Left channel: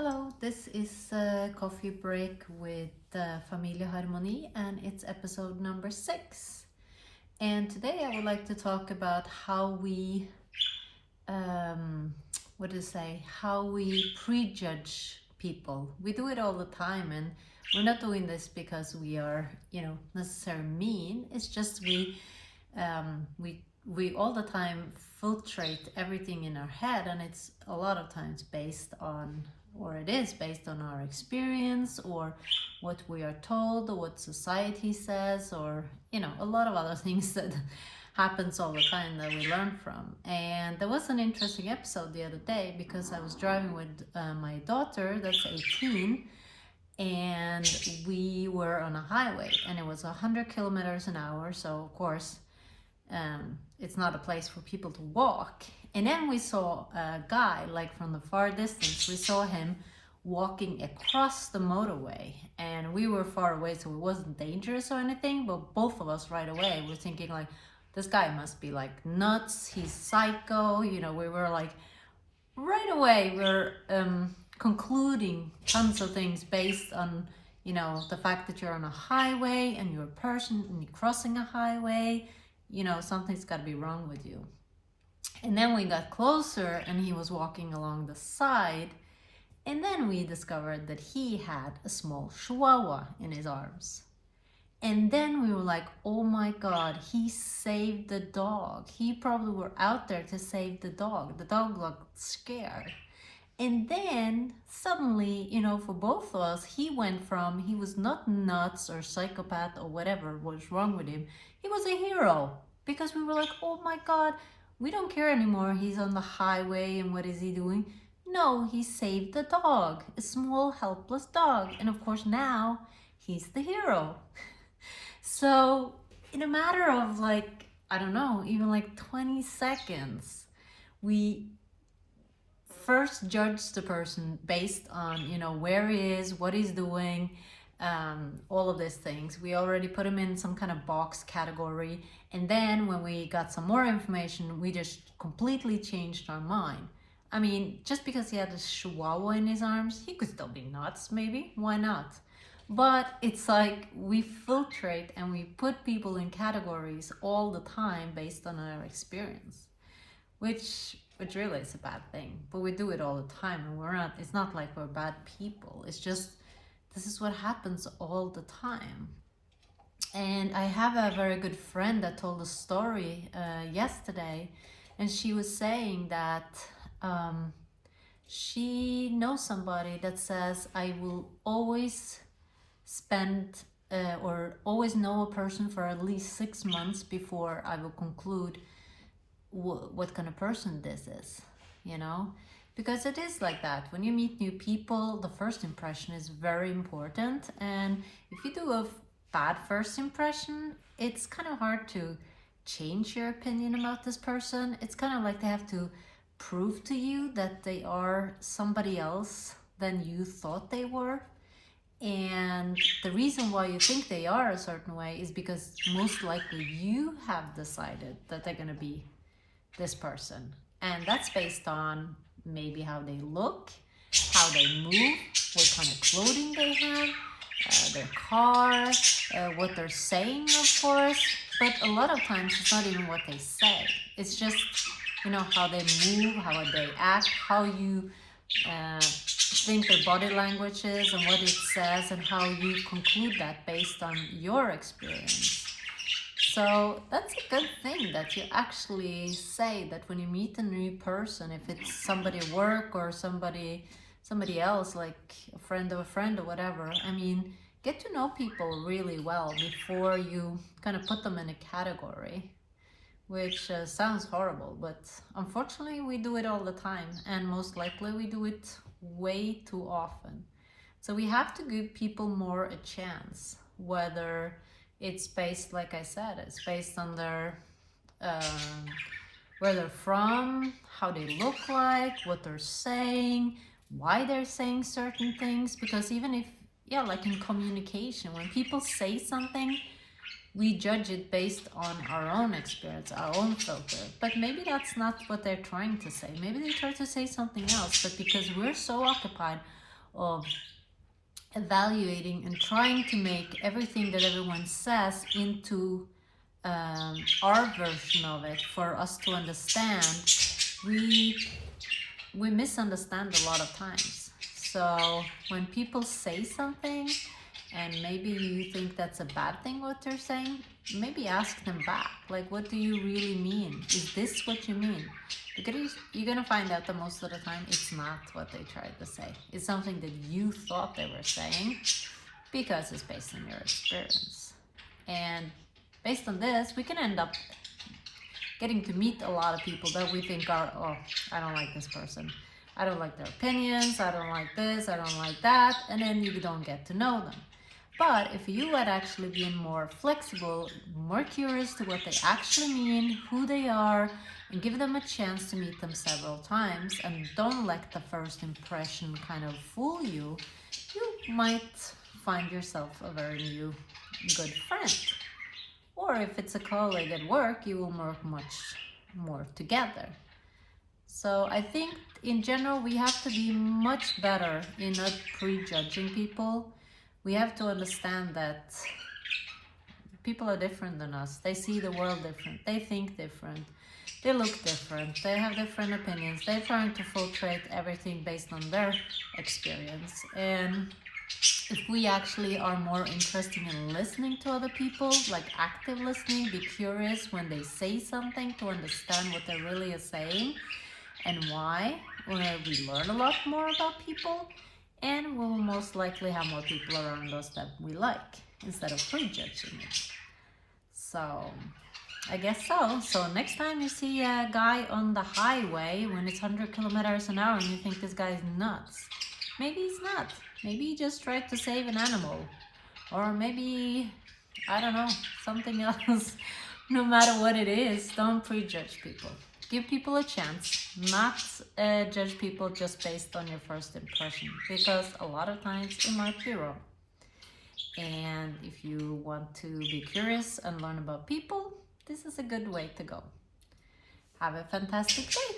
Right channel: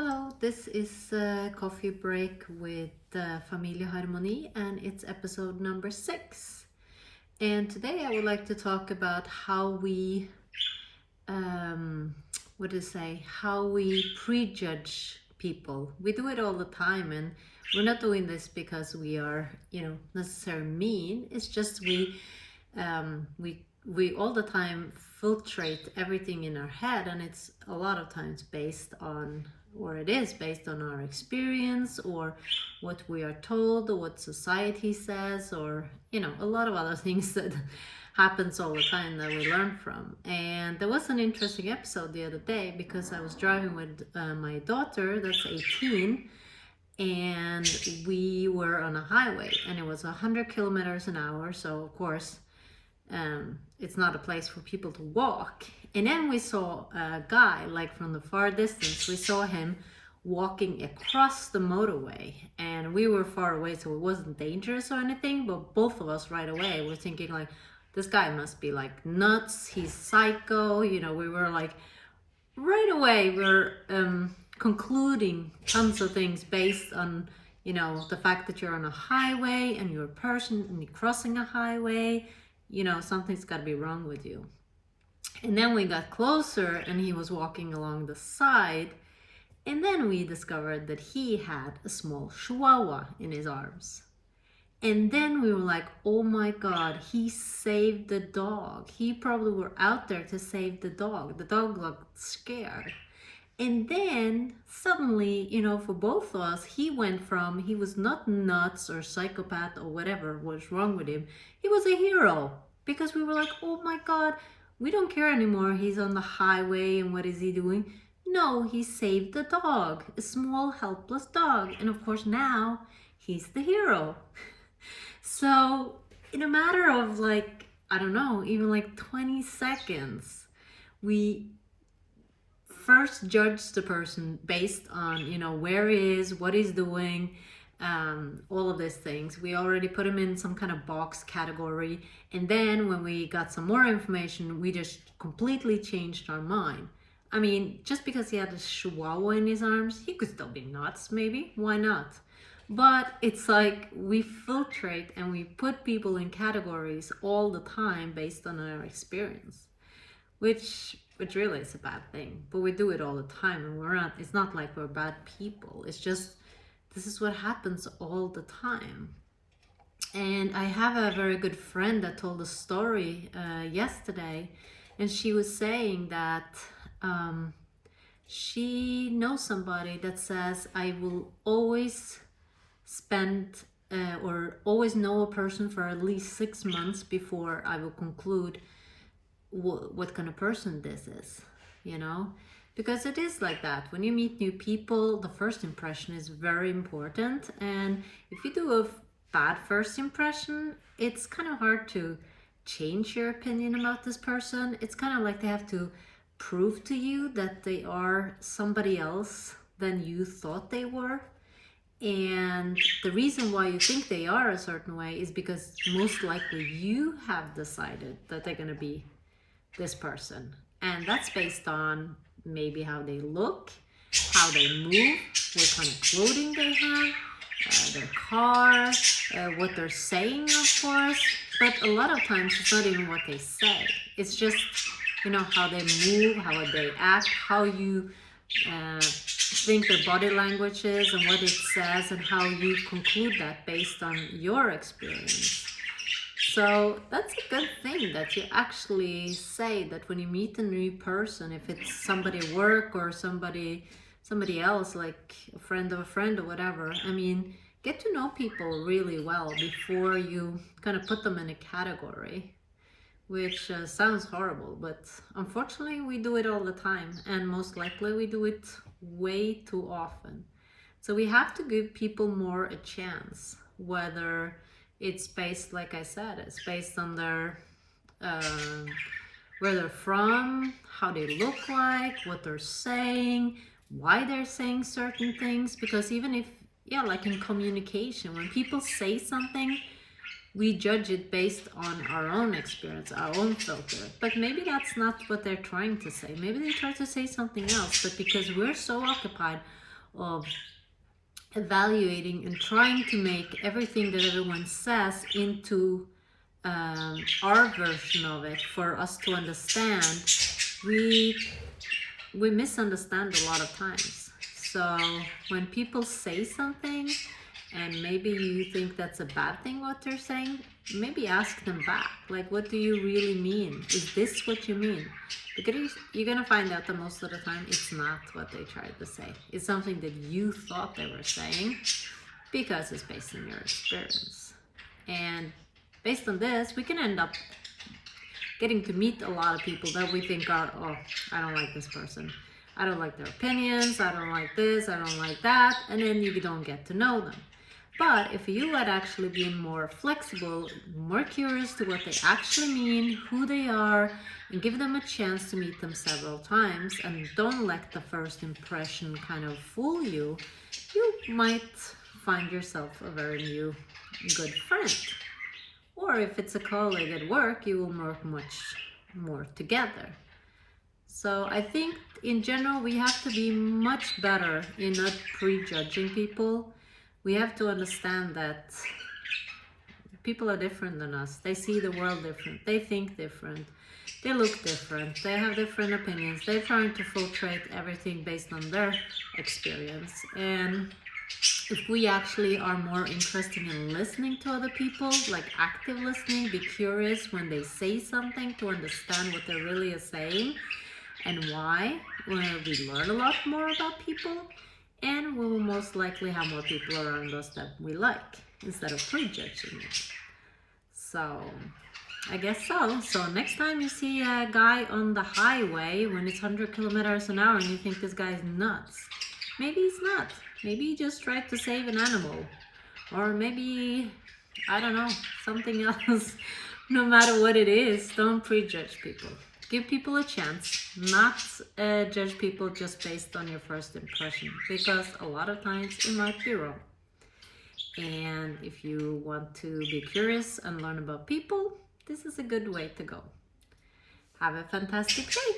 Hello, this is Coffee Break with FamilieHarmoni, and it's episode number 6. And today I would like to talk about how we, how we prejudge people. We do it all the time, and we're not doing this because we are, necessarily mean. It's just we all the time filtrate everything in our head, and it's a lot of times based on, or it is based on our experience or what we are told or what society says, or a lot of other things that happens all the time that we learn from. And there was an interesting episode the other day because I was driving with my daughter that's 18, and we were on a highway and it was 100 kilometers an hour, so of course it's not a place for people to walk. And then we saw a guy, like from the far distance, we saw him walking across the motorway, and we were far away, so it wasn't dangerous or anything, but both of us right away were thinking like, this guy must be like nuts, he's psycho. We were like, right away we're concluding tons of things based on the fact that you're on a highway and you're a person and you're crossing a highway. Something's got to be wrong with you. And then we got closer and he was walking along the side, and then we discovered that he had a small chihuahua in his arms. And then we were like, oh my god, he saved the dog. He probably were out there to save the dog. The dog looked scared. And then suddenly, for both of us, he went from, he was not nuts or psychopath or whatever was wrong with him. He was a hero, because we were like, oh my god, we don't care anymore. He's on the highway and what is he doing? No, he saved the dog, a small helpless dog. And of course now he's the hero. So in a matter of like, I don't know, even like 20 seconds, we first judge the person based on, where he is, what he's doing, all of these things. We already put him in some kind of box category. And then when we got some more information, we just completely changed our mind. I mean, just because he had a chihuahua in his arms, he could still be nuts, maybe. Why not? But it's like we filtrate and we put people in categories all the time based on our experience, which really is a bad thing. But we do it all the time, and it's not like we're bad people. It's just, this is what happens all the time. And I have a very good friend that told a story yesterday, and she was saying that she knows somebody that says, I will always spend or always know a person for at least 6 months before I will conclude what kind of person this is, because it is like that. When you meet new people, the first impression is very important, and if you do a bad first impression, it's kind of hard to change your opinion about this person. It's kind of like they have to prove to you that they are somebody else than you thought they were. And the reason why you think they are a certain way is because most likely you have decided that they're going to be this person, and that's based on maybe how they look, how they move, what kind of clothing they have, their car, what they're saying, of course. But a lot of times it's not even what they say, it's just how they move, how they act, how you think their body language is and what it says, and how you conclude that based on your experience. So that's a good thing that you actually say that when you meet a new person, if it's somebody at work or somebody else, like a friend of a friend or whatever, I mean, get to know people really well before you kind of put them in a category, which sounds horrible, but unfortunately we do it all the time, and most likely we do it way too often. So we have to give people more a chance, whether it's based, like I said, it's based on their where they're from, how they look like, what they're saying, why they're saying certain things. Because even if, like in communication, when people say something, we judge it based on our own experience, our own filter. But maybe that's not what they're trying to say. Maybe they try to say something else, but because we're so occupied of evaluating and trying to make everything that everyone says into our version of it for us to understand, we misunderstand a lot of times. So when people say something and maybe you think that's a bad thing what they're saying, maybe ask them back, like, what do you really mean? Is this what you mean? Because you're gonna find out that most of the time it's not what they tried to say. It's something that you thought they were saying because it's based on your experience. And based on this, we can end up getting to meet a lot of people that we think are, oh, I don't like this person. I don't like their opinions. I don't like this. I don't like that. And then you don't get to know them. But if you had actually been more flexible, more curious to what they actually mean, who they are, and give them a chance to meet them several times, and don't let the first impression kind of fool you, you might find yourself a very new good friend. Or if it's a colleague at work, you will work much more together. So I think in general, we have to be much better in not prejudging people. We have to understand that people are different than us. They see the world different. They think different. They look different. They have different opinions. They're trying to filtrate everything based on their experience. And if we actually are more interested in listening to other people, like active listening, be curious when they say something to understand what they really are saying and why, where we learn a lot more about people, and we will most likely have more people around us that we like instead of prejudging it. So I guess so. So next time you see a guy on the highway when it's 100 kilometers an hour and you think this guy's nuts, maybe he's not. Maybe he just tried to save an animal, or maybe, I don't know, something else. No matter what it is, don't prejudge people. Give people a chance, not judge people just based on your first impression, because a lot of times it might be wrong. And if you want to be curious and learn about people, this is a good way to go. Have a fantastic day.